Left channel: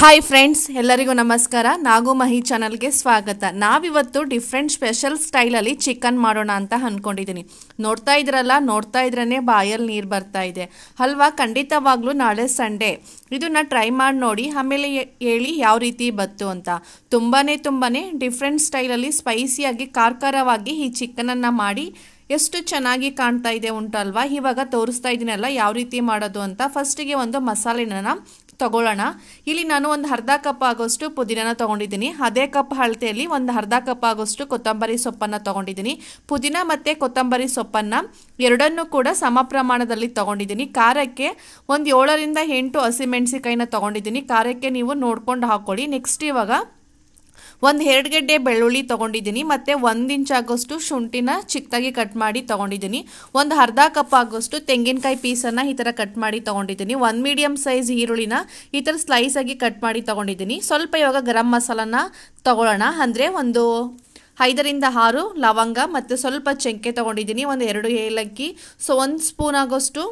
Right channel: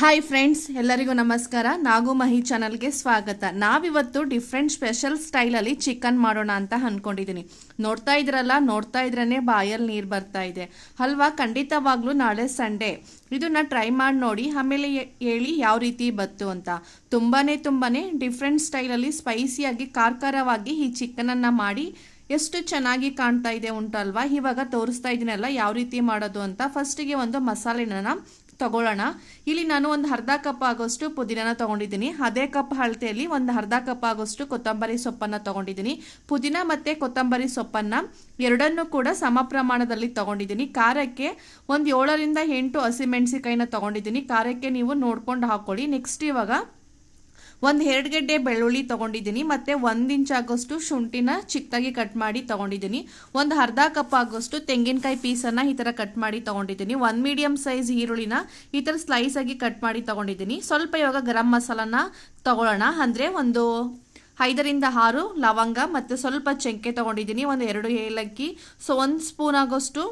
Hi friends, ಎಲ್ಲರಿಗೂ ನಮಸ್ಕಾರ. ನಾಗು ಮಹಿ ಚಾನಲ್ಗೆ ಸ್ವಾಗತ. ನಾವಿವತ್ತು ಡಿಫ್ರೆಂಟ್ ಸ್ಪೆಷಲ್ ಸ್ಟೈಲಲ್ಲಿ ಚಿಕನ್ ಮಾಡೋಣ ಅಂತ ಅಂದ್ಕೊಂಡಿದ್ದೀನಿ. ನೋಡ್ತಾ ಇದ್ರೇ ಬಾಯಲ್ಲಿ ನೀರು ಬರ್ತಾ ಇದೆ ಅಲ್ವಾ? ಖಂಡಿತವಾಗ್ಲೂ ನಾಳೆ ಸಂಡೇ ಇದನ್ನ ಟ್ರೈ ಮಾಡಿ ನೋಡಿ, ಆಮೇಲೆ ಹೇಳಿ ಯಾವ ರೀತಿ ಬತ್ತು ಅಂತ. ತುಂಬಾನೇ ಡಿಫ್ರೆಂಟ್ ಸ್ಟೈಲಲ್ಲಿ ಸ್ಪೈಸಿಯಾಗಿ ಖಾರವಾಗಿ ಈ ಚಿಕನನ್ನು ಮಾಡಿ ಎಷ್ಟು ಚೆನ್ನಾಗಿ ಕಾಣ್ತಾ ಇದೆ ಉಂಟಲ್ವಾ? ಇವಾಗ ತೋರಿಸ್ತಾ ಇದ್ದೀನಲ್ಲ ಯಾವ ರೀತಿ ಮಾಡೋದು ಅಂತ. ಫಸ್ಟಿಗೆ ಒಂದು ಮಸಾಲೆನ ತಗೊಳ್ಳೋಣ. ಇಲ್ಲಿ ನಾನು ಒಂದು ಅರ್ಧ ಕಪ್ ಆಗೋಷ್ಟು ಪುದೀನ ತಗೊಂಡಿದ್ದೀನಿ. ಅದೇ ಕಪ್ ಅಳತೆಯಲ್ಲಿ ಒಂದು ಅರ್ಧ ಕಪ್ ಆಗೋಷ್ಟು ಕೊತ್ತಂಬರಿ ಸೊಪ್ಪನ್ನು ತಗೊಂಡಿದ್ದೀನಿ. ಪುದೀನ ಮತ್ತು ಕೊತ್ತಂಬರಿ ಸೊಪ್ಪನ್ನು ಎರಡನ್ನೂ ಕೂಡ ಸಮ ಪ್ರಮಾಣದಲ್ಲಿ ತಗೊಂಡಿದ್ದೀನಿ. ಖಾರಕ್ಕೆ ಒಂದು 7ರಿಂದ 8 ಹಸಿಮೆಣಸಿಕಾಯಿನ ತಗೊಂಡಿದ್ದೀನಿ. ಖಾರಕ್ಕೆ ನೀವು ನೋಡ್ಕೊಂಡು ಹಾಕೊಳ್ಳಿ. ನೆಕ್ಸ್ಟ್ ಇವಾಗ ಒಂದು 2 ಗೆಡ್ಡೆ ಬೆಳ್ಳುಳ್ಳಿ ತಗೊಂಡಿದ್ದೀನಿ. ಮತ್ತು 1 ಇಂಚ್ ಆಗೋಷ್ಟು ಶುಂಠಿನ ಚಿಕ್ಕದಾಗಿ ಕಟ್ ಮಾಡಿ ತಗೊಂಡಿದ್ದೀನಿ. ಒಂದು ಅರ್ಧ ಕಪ್ ಆಗೋಷ್ಟು ತೆಂಗಿನಕಾಯಿ ಪೀಸನ್ನು ಈ ಥರ ಕಟ್ ಮಾಡಿ ತಗೊಂಡಿದ್ದೀನಿ. 1 ಮೀಡಿಯಂ ಸೈಜ್ ಈರುಳ್ಳಿನ ಈ ಥರ ಸ್ಲೈಸ್ ಆಗಿ ಕಟ್ ಮಾಡಿ ತಗೊಂಡಿದ್ದೀನಿ. ಸ್ವಲ್ಪ ಇವಾಗ ಗರಂ ಮಸಾಲನ ತಗೊಳ್ಳೋಣ. ಅಂದರೆ ಒಂದು 5ರಿಂದ 6 ಲವಂಗ ಮತ್ತು ಸ್ವಲ್ಪ ಚಕ್ಕೆ ತಗೊಂಡಿದ್ದೀನಿ. ಒಂದು 2 ಏಲಕ್ಕಿ, 1 ಸ್ಪೂನ್ ಆಗೋಷ್ಟು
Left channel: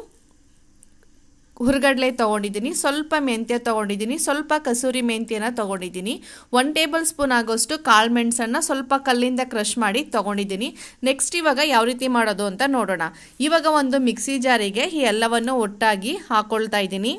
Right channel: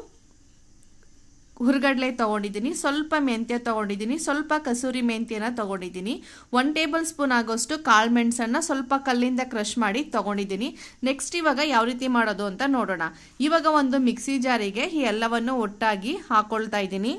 ಹುರ್ಗಡ್ಲೆ ತಗೊಂಡಿದ್ದೀನಿ. ಸ್ವಲ್ಪ ಮೆಂತ್ಯ ತಗೊಂಡಿದ್ದೀನಿ. ಸ್ವಲ್ಪ ಕಸೂರಿ ಮೆಂತ್ಯನ ತಗೊಂಡಿದ್ದೀನಿ. 1 ಟೇಬಲ್ ಸ್ಪೂನ್ ಆಗೋಷ್ಟು ಕಾಳು ಮೆಣಸನ್ನು ಸ್ವಲ್ಪ ಕಲ್ಲಿಂದ ಕ್ರಷ್ ಮಾಡಿ ತಗೊಂಡಿದ್ದೀನಿ. ನೆಕ್ಸ್ಟ್ ಇವಾಗ ಯಾವ ರೀತಿ ಮಾಡೋದು ಅಂತ ನೋಡೋಣ. ಇವಾಗ ಒಂದು ಮಿಕ್ಸಿ ಜಾರಿಗೆ ಈ ಎಲ್ಲವನ್ನು ಒಟ್ಟಾಗಿ ಹಾಕೊಳ್ತಾ ಇದ್ದೀನಿ.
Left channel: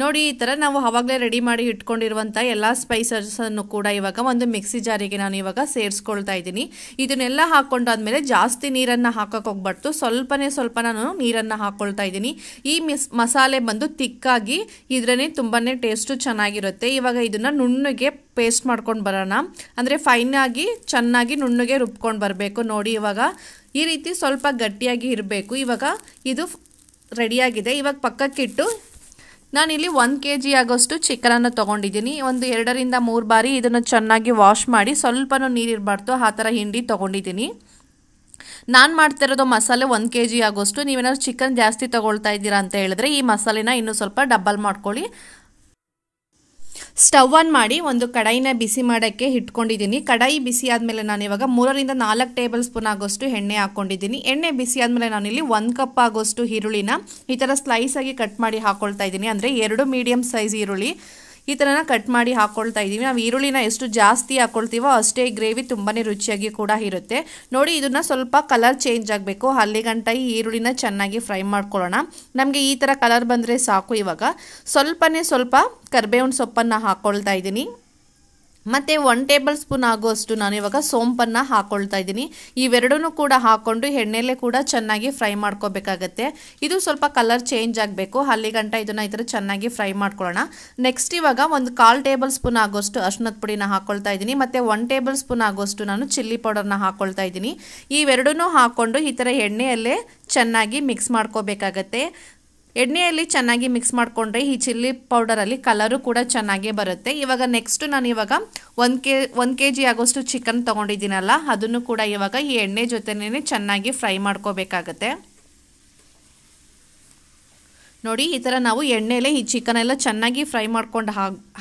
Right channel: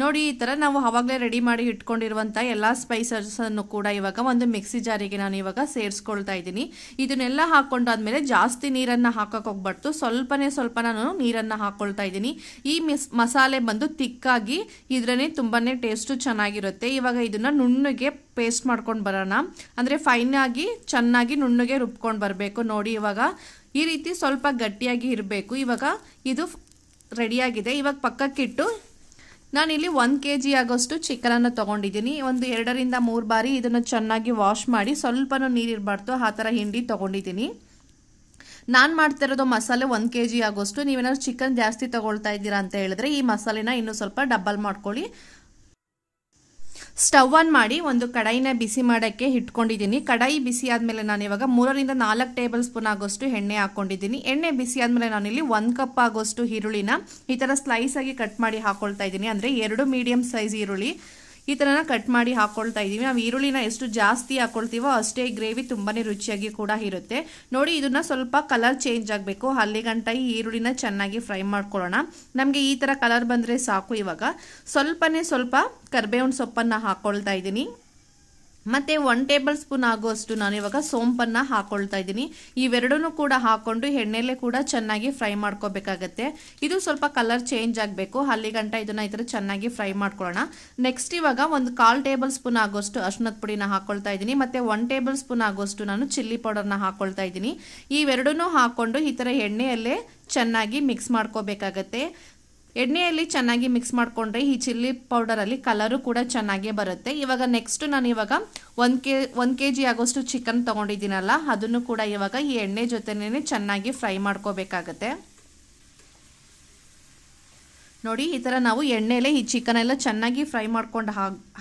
ನೋಡಿ, ಈ ಥರ ನಾವು ಆವಾಗಲೇ ರೆಡಿ ಮಾಡಿ ಇಟ್ಕೊಂಡಿರುವಂಥ ಎಲ್ಲ ಸ್ಪೈಸಸನ್ನು ಕೂಡ ಇವಾಗ ಒಂದು ಮಿಕ್ಸಿ ಜಾರಿಗೆ ನಾನು ಇವಾಗ ಸೇರಿಸ್ಕೊಳ್ತಾ ಇದ್ದೀನಿ. ಇದನ್ನೆಲ್ಲ ಹಾಕ್ಕೊಂಡಾದ್ಮೇಲೆ ಜಾಸ್ತಿ ನೀರನ್ನು ಹಾಕಕ್ಕೆ ಹೋಗ್ಬಾರ್ದು. ಸ್ವಲ್ಪ ನಾನು ನೀರನ್ನು ಹಾಕ್ಕೊಳ್ತಾ ಇದ್ದೀನಿ. ಈ ಮಸಾಲೆ ಬಂದು ತಿಕ್ಕಾಗಿ ಇದ್ರೇ ತುಂಬಾ ಟೇಸ್ಟು ಚೆನ್ನಾಗಿರುತ್ತೆ. ಇವಾಗ ಇದನ್ನು ನುಣ್ಣಗೆ ಪೇಸ್ಟ್ ಮಾಡ್ಕೊಂಡು ಬರೋಣ. ಅಂದರೆ ಫೈನ್ ಆಗಿ ಚೆನ್ನಾಗಿ ನುಣ್ಣಗೆ ರುಬ್ಕೊಂಡು ಬರಬೇಕು. ನೋಡಿ, ಇವಾಗ ಈ ರೀತಿ ಸ್ವಲ್ಪ ಗಟ್ಟಿಯಾಗಿ ಇರಬೇಕು. ಇವಾಗ ಇದು ರೆಡಿಯಾಗಿದೆ. ಇವಾಗ ಪಕ್ಕಕ್ಕಿಟ್ಟು ನಾನಿಲ್ಲಿ 1 kg ಆಗೋಷ್ಟು ಚಿಕನನ್ನು ತೊಗೊಂಡಿದ್ದೀನಿ. ಒಂದು 2ರಿಂದ 3 ಬಾರಿ ಇದನ್ನು ಚೆನ್ನಾಗಿ ವಾಶ್ ಮಾಡಿ ಸ್ವಲ್ಪನೂ ನೀರಿರಬಾರ್ದು ಆ ಥರ ಹಿಂಡಿ ತೊಗೊಂಡಿದ್ದೀನಿ. ನಾನು ಮಾಡ್ತಿರೋದು ಮಸಾಲೆ 1 kg ಆಗೋಷ್ಟು. ನೀವೇನಾದ್ರು ಚಿಕನ್ ಜಾಸ್ತಿ ತೊಗೊಳ್ತಾ ಇದ್ದೀರಾ ಅಂತ ಹೇಳಿದ್ರೆ ಈ ಮಸಾಲೆನ ಇನ್ನೂ ಸ್ವಲ್ಪ ಡಬಲ್ ಮಾಡ್ಕೊಳ್ಳಿ. ಸ್ಟವ್ ಆನ್ ಮಾಡಿ ಒಂದು ಕಡಾಯಿನ ಬಿಸಿ ಮಾಡೋಕ್ಕೆ ಇಟ್ಕೊಂಡಿದ್ದೀನಿ. ಕಡಾಯಿ ಬಿಸಿ ಆದಮೇಲೆ ನಾನು ಇವಾಗ 3ರಿಂದ 4 ಟೇಬಲ್ ಸ್ಪೂನ್ ಆಗೋಷ್ಟು ಎಣ್ಣೆ ಹಾಕ್ಕೊಂಡಿದ್ದೀನಿ. ಎಣ್ಣೆ ಬಿಸಿ ಆದಮೇಲೆ ನಾನಿಲ್ಲಿ 1 ಕಪ್ ಆಗೋಷ್ಟು ಈರುಳ್ಳಿನ ಈ ಥರ ಸ್ಲೈಸ್ ಆಗಿ ಕಟ್ ಮಾಡಿ ಹಾಕ್ಕೊಳ್ತಾ ಇದ್ದೀನಿ. ಅಂದರೆ 2 ಮೀಡಿಯಂ ಸೈಜ್ ಈರುಳ್ಳಿ ಈ ಥರನ ಕಟ್ ಮಾಡಿ ಹಾಕ್ಕೊಳ್ತಾ ಇದ್ದೀವಿ. ನಾವು ಈರುಳ್ಳಿನ ಎಷ್ಟು ಜಾಸ್ತಿ ಹಾಕ್ಕೊಳ್ತೀವೋ ಅಷ್ಟೇ ಗ್ರೇವಿ ತುಂಬಾ ರುಚಿಯಾಗಿ ಕೂಡ ಇರುತ್ತೆ. ನೋಡಿ, ಇದನ್ನು ಸ್ವಲ್ಪ ಕಲರ್ ಚೇಂಜ್ ಆಗಬೇಕು. ಅಲ್ಲಿಗಂಟ ಈ ಈರುಳ್ಳಿನ ಚೆನ್ನಾಗಿ ಫ್ರೈ ಮಾಡ್ಕೊಳ್ಳೋಣ. ನಮಗೆ ಈ ಥರ ಕಲರ್ ಬಂದರೆ ಸಾಕು. ಇವಾಗ ಸ್ವಲ್ಪ ಕರಿಬೇವಿನ ಸೊಪ್ಪನ್ನು ಹಾಕ್ಕೊಳ್ತಾ ಇದ್ದೀನಿ. ಮತ್ತು 1 ಟೇಬಲ್ ಸ್ಪೂನ್ ಆಗುವಷ್ಟು ನಾನು ಇವಾಗ ಸೋಂಪನ್ನು ಹಾಕ್ಕೊಳ್ತಾ ಇದ್ದೀನಿ. ಇವೆರಡೂ ಕೂಡ ಹಾಕ್ಕೊಂಡು ಎಣ್ಣೆಲೆ ಕೂಡ ಚೆನ್ನಾಗಿ ಫ್ರೈ ಮಾಡ್ಕೋಬೇಕಾಗತ್ತೆ. ಇದು ಸ್ವಲ್ಪ ಕಲರ್ ಚೇಂಜ್ ಆಗಬೇಕು. ಅಲ್ಲಿಗಂಟ ಇದನ್ನು ಈ ಥರ ಚೆನ್ನಾಗಿ ಫ್ರೈ ಮಾಡ್ಕೊಳ್ಳೋಣ. ನೆಕ್ಸ್ಟ್ ಇವಾಗ ಒಂದು 1/4 ಟೇಬಲ್ ಸ್ಪೂನ್ ಆಗೋಷ್ಟು ಅರಿಶಿನದ ಪುಡಿನ ಹಾಕ್ಕೊಳ್ತಾ ಇದ್ದೀನಿ. ಮತ್ತು 1 ಟೇಬಲ್ ಸ್ಪೂನ್ ಆಗೋಷ್ಟು ನಾನು ಚಿಲ್ಲಿ ಪೌಡರ್ನ ಹಾಕ್ಕೊಳ್ತಾ ಇದ್ದೀನಿ. ಇವೆರಡೂ ಹಾಕ್ಕೊಂಡು ಈ ಥರ ಎಣ್ಣೆಯಲ್ಲೇ ಚೆನ್ನಾಗಿ ಮಿಕ್ಸ್ ಮಾಡ್ಕೋಬೇಕಾಗತ್ತೆ. ಎಣ್ಣೆಯಲ್ಲಿ ಚೆನ್ನಾಗಿ ಮಿಕ್ಸ್ ಮಾಡಿಕೊಂಡ್ರೆ ಈ ಚಿಲ್ಲಿ ಪೌಡರಲ್ಲಿ ಕಲರು ಕೂಡ ಚೆನ್ನಾಗೇ ಬರುತ್ತೆ. ಇವಾಗ ನೆಕ್ಸ್ಟ್ ನಾನು ಇವಾಗ 1 kg ಆಗೋಷ್ಟು ಚಿಕನ್ ತೊಗೊಂಡಿದ್ದೀನಲ್ಲ, ಅದನ್ನು ಕೂಡ ಇವಾಗ ಈ ಎಣ್ಣೆ ಜೊತೆನೇ ಚೆನ್ನಾಗಿ ಫ್ರೈ ಮಾಡ್ಕೋಬೇಕಾಗತ್ತೆ. ನೋಡಿ, ಈ ಥರ ನಾವು ಎಣ್ಣೆಲೆ ಈ ಚಿಕನ್ ಎಲ್ಲ ಚೆನ್ನಾಗಿ ಫ್ರೈ ಮಾಡ್ಕೊಂಡು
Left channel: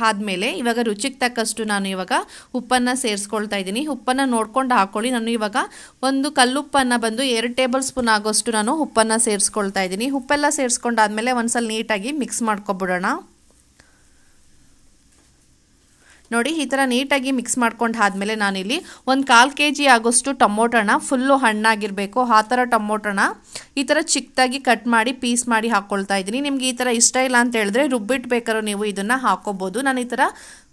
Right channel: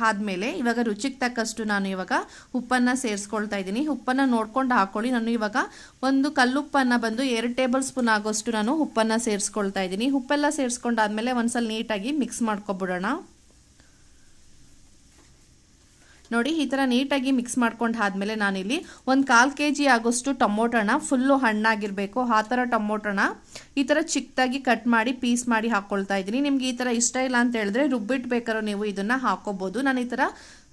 ಆದಮೇಲೆ ಇವಾಗ ರುಚಿಗೆ ತಕ್ಕಷ್ಟು ನಾನು ಇವಾಗ ಉಪ್ಪನ್ನು ಸೇರಿಸ್ಕೊಳ್ತಾ ಇದ್ದೀನಿ. ಉಪ್ಪನ್ನು ನೋಡ್ಕೊಂಡು ಹಾಕ್ಕೊಳ್ಳಿ. ನಾನು ಇವಾಗ ಒಂದು ಕಲ್ಲುಪ್ಪನ್ನು ಬಂದು 2 ಟೇಬಲ್ ಸ್ಪೂನ್ ಆಗೋಷ್ಟು ನಾನು ಉಪ್ಪನ್ನು ಸೇರಿಸ್ಕೊಳ್ತಾ ಇದ್ದೀನಿ. ಉಪ್ಪೆಲ್ಲ ಸೇರಿಸ್ಕೊಂಡಾದ್ಮೇಲೆ ಒಂದ್ಸಲ ನೀಟಾಗಿ ಮಿಕ್ಸ್ ಮಾಡ್ಕೊಬಿಡೋಣ. ನೋಡಿ, ಈ ಥರ ನೀಟಾಗಿ ಮಿಕ್ಸ್ ಮಾಡ್ಕೊಂಡು ಆದಮೇಲೆ ನಾನಿಲ್ಲಿ ಒಂದು 1/4 kg ಆಗೋಷ್ಟು ಟೊಮೊಟೊನ ಫುಲ್ಲು ಹಣ್ಣಾಗಿರಬೇಕು ಆ ಥರ ಟೊಮೊಟೊನ ಈ ಥರ ಚಿಕ್ಕದಾಗಿ ಕಟ್ ಮಾಡಿ ಪೀಸ್ ಮಾಡಿ ಹಾಕ್ಕೊಳ್ತಾ ಇದ್ದೀನಿ. ನಿಮ್ಗೆ ಈ ಥರ ಇಷ್ಟ ಇಲ್ಲ ಅಂತ ಹೇಳಿದ್ರೆ ರುಬ್ಬಿಟ್ಟು ಬೇಕಾದ್ರೂ ನೀವು ಇದನ್ನು ಹಾಕ್ಕೋಬೋದು. ನಾನು ಈ ಥರ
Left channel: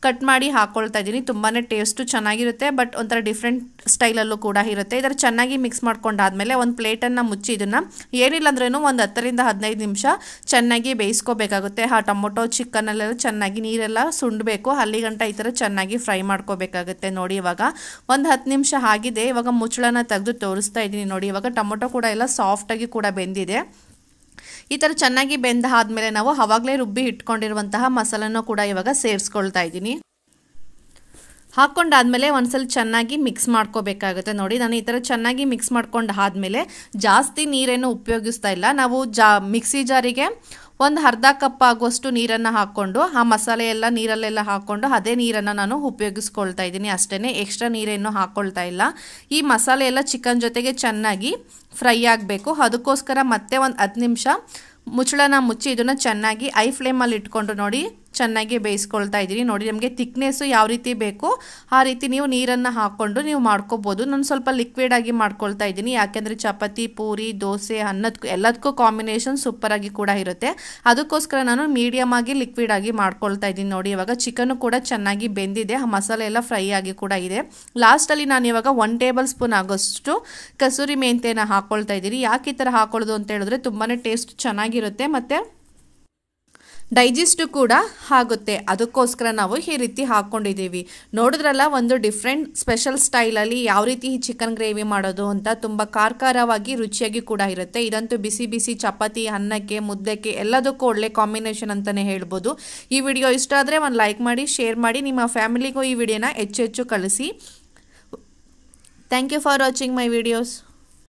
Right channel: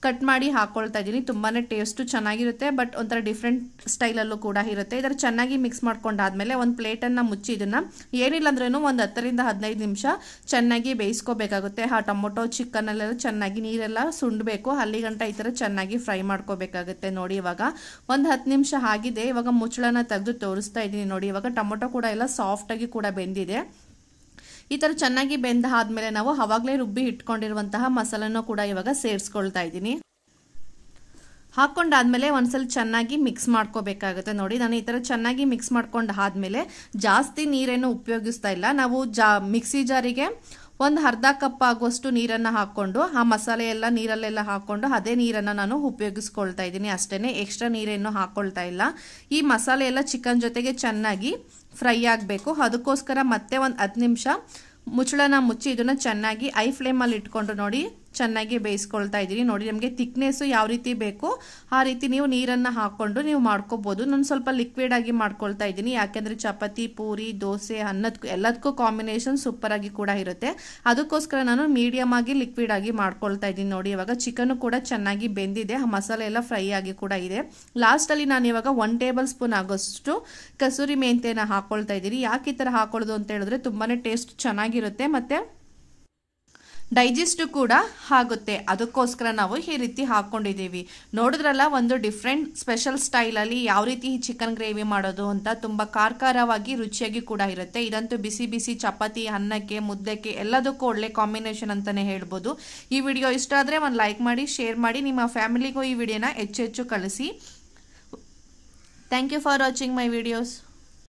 ಕಟ್ ಮಾಡಿ ಹಾಕ್ಕೊಳ್ತಾ ಇದ್ದೀನಿ. ತುಂಬಾ ಟೇಸ್ಟು ಚೆನ್ನಾಗಿರುತ್ತೆ. ಬಟ್ ಒಂಥರ ಡಿಫ್ರೆಂಟ್ ಸ್ಟೈಲಲ್ಲೂ ಕೂಡ ಇರುತ್ತೆ. ಇದರ ಚೆನ್ನಾಗಿ ಮಿಕ್ಸ್ ಮಾಡ್ಕೊಂಡಾದ್ಮೇಲೆ ಒಂದು ಪ್ಲೇಟನ್ನು ಮುಚ್ಚಿ ಇದನ್ನು ಏನಿಲ್ಲ ಅಂದ್ರೂ ಒಂದು 10ರಿಂದ 15 ನಿಮಿಷ ಚೆನ್ನಾಗಿ ಬೇಯಿಸ್ಕೋಬೇಕಾಗುತ್ತೆ. ಆ ಟೊಮೊಟೊ ಚಿಕನಲ್ಲೆಲ್ಲ ಚೆನ್ನಾಗಿ ನೀರೆಲ್ಲ ಸುಂಡಬೇಕು. ಅಲ್ಲಿಗಂಟ ಈ ಥರ ಚೆನ್ನಾಗಿ ಫ್ರೈ ಮಾಡ್ಕೋಬೇಕಾಗುತ್ತೆ. ನೋಡಿ, ಇವಾಗ ಒಂದು 10 ನಿಮಿಷ ಆಗಿದೆ. ಇವಾಗ ಮುಚ್ಚಳನ ತೆಗೆದು ತೋರಿಸ್ತಾ ಇದ್ದೀನಿ. ನೋಡಿ, ಇವಾಗ ಟೊಮೊಟೊ ಕೂಡ ಎಲ್ಲ ಸಾಫ್ಟಾಗಿ ಕೂಡ ಬೆಂದಿದೆ. ಈ ಥರ ಚೆನ್ನಾಗಿ ಬೆಂದ ಆದಮೇಲೆ ನಾವು ಆವಾಗಲೇ ರುಬ್ಬಿ ಇಟ್ಕೊಂಡಿರುವಂತಹ ಮಸಾಲನ್ನು ಕೂಡ ಇವಾಗ ಸೇರಿಸ್ಕೊಳ್ತಾ ಇದ್ದೀನಿ. ಹಾಕ್ಕೊಂಡಾದ್ಮೇಲೆ ಒಂದ್ಸಲ ಚೆನ್ನಾಗಿ ಮಿಕ್ಸ್ ಮಾಡ್ಕೋಬೇಕಾಗುತ್ತೆ. ನೋಡಿ, ನಾನು ಈ ಥರ ಚೆನ್ನಾಗಿ ಮಿಕ್ಸ್ ಮಾಡ್ಕೊಂಡು ಆದಮೇಲೆ ಜಾಸ್ತಿ ನೀರೇನು ಉಪಯೋಗಿಸ್ತಾ ಇಲ್ಲ. ನಾವು ಮಿಕ್ಸಿ ಜಾರಿಗೆ ಒಂದು ಅರ್ಧ ಕಪ್ ಆಗುವಷ್ಟು ನೀರನ್ನು ಹಾಕ್ಕೊಂಡು ಆ ಮಸಾಲೆ ಎಲ್ಲ ನೀರಲ್ಲೆಲ್ಲ ಹಾಕ್ಕೊಂಡು ಅದೇ ನೀರನ್ನು ನಾನು ಉಪಯೋಗಿಸ್ಕೊಳ್ತಾ ಇದ್ದೀನಿ. ಅಷ್ಟೇ, ಎಕ್ಸ್ಟ್ರಾ ನೀರೇನು ಹಾಕ್ಕೊಳ್ತಾ ಇಲ್ಲ. ಈ ಮಸಾಲೆ ಎಲ್ಲ ಚಿಕನ್ ಜೊತೆಗೆ ಚೆನ್ನಾಗಿ ಫ್ರೈ ಆಗಬೇಕು. ಅದಕ್ಕೋಸ್ಕರ ಮತ್ತೆ ಒಂದು 10 ನಿಮಿಷ ಮುಚ್ಚಳನ ಮುಚ್ಚಿ ಇದನ್ನು ಚೆನ್ನಾಗಿ ಐ ಫ್ಲೇಮಲ್ಲಿ ಇಟ್ಕೊಂಡು ನೋಡಿ ಚೆನ್ನಾಗಿ ಬೇಯಿಸ್ಕೊಳ್ತಾ ಇದ್ದೀನಿ. ನೋಡಿ ನಮಗೆ ಥಿಕ್ನೆಸ್ಸು ಯಾವ ರೀತಿ ಬೇಕು ಆ ರೀತಿ ನೀವು ನೀರನ್ನು ಹಾಕ್ಕೊಂಡು ನೀವು ಮಾಡ್ಕೋಬೋದು. ನಾನು ಸ್ವಲ್ಪ ಲಿಕ್ವಿಡ್ ಆಗಿ ಮಾಡ್ಕೊಳ್ತಾ ಇದ್ದೀನಿ, ಯಾಕೆಂದರೆ ಚಪಾತಿ, ಪೂರಿ, ದೋಸೆ, ಅನ್ನದಕ್ಕೂ ಎಲ್ಲದಕ್ಕೂ ಕಾಂಬಿನೇಷನ್ ಸೂಪರಾಗಿ ಕೂಡ ಇರುತ್ತೆ. ಅದಕ್ಕೋಸ್ಕರ ನಾನು ಮೀಡಿಯಮ್ ಆಗಿ ಲಿಕ್ವಿಡ್ ಆಗಿ ಮಾಡ್ಕೊಳ್ತಾ ಇದ್ದೀನಿ. ನೋಡಿ ಇವಾಗ ಚಿಕನ್ನು ಕೂಡ ಚೆನ್ನಾಗಿ ಬೆಂದಿದೆ, ಆ ಮಸಾಲೆ ಎಲ್ಲ ಫ್ರೈ ಆಗಿ ಕೂಡ ಇದೆ. ಲಾಸ್ಟಲ್ಲಿ ನಾನು ಇವಾಗ 1 ಟೇಬಲ್ ಸ್ಪೂನ್ ಆಗೋಷ್ಟು ಕಸೂರಿ ಮೆಂತ್ಯನ ಹಾಕ್ಕೊಳ್ತಾ ಇದ್ದೀನಿ. ಯಾಕೆ ಈ ಥರ ಹಾಕೊಳ್ಳೋದು ಅಂತ ಹೇಳಿದ್ರೆ ತುಂಬಾ ಟೇಸ್ಟ್ ಚೆನ್ನಾಗಿರುತ್ತೆ ಮತ್ತು ಡೈಜೆಸ್ಟ್ ಕೂಡ ಆಗುತ್ತೆ, ಅದಕ್ಕೋಸ್ಕರ ನಾವು ಈ ರೀತಿ ಹಾಕ್ಕೊಂಡಿದ್ದೀವಿ. ನೋಡಿದ್ರಲ್ಲ, ಒಂದು ಡಿಫ್ರೆಂಟ್ ಸ್ಪೆಷಲ್ ಸ್ಟೈಲಲ್ಲಿ ಯಾವ ರೀತಿ ಚಿಕನ್ ಗ್ರೇವಿ ಮಾಡೋದು ಅಂತ. ತುಂಬ ಖಾರವಾಗಿ ರುಚಿಯಾಗಿ ಕೂಡ ಇರುತ್ತೆ. ಇದಂತೂ ಬಿಸಿ ಬಿಸಿ ಚಪಾತಿ, ಅನ್ನಕ್ಕೆ, ಮುದ್ದೆಗೆ ಎಲ್ಲದಕ್ಕೂ ಒಳ್ಳೆ ಕಾಂಬಿನೇಷನ್ ಅಂತಲೇ ಹೇಳ್ಬೋದು. ಈ ವಿಡಿಯೋ ಇಷ್ಟ ಆದರೆ ಒಂದು ಲೈಕ್ ಮಾಡಿ, ಶೇರ್ ಮಾಡಿ, ನಿಮ್ಮ ಫ್ಯಾಮಿಲಿಗೂ ಈ ವಿಡಿಯೋನ ಹೆಚ್ಚು ಕಳಿಸಿ. Thank you for watching my videos.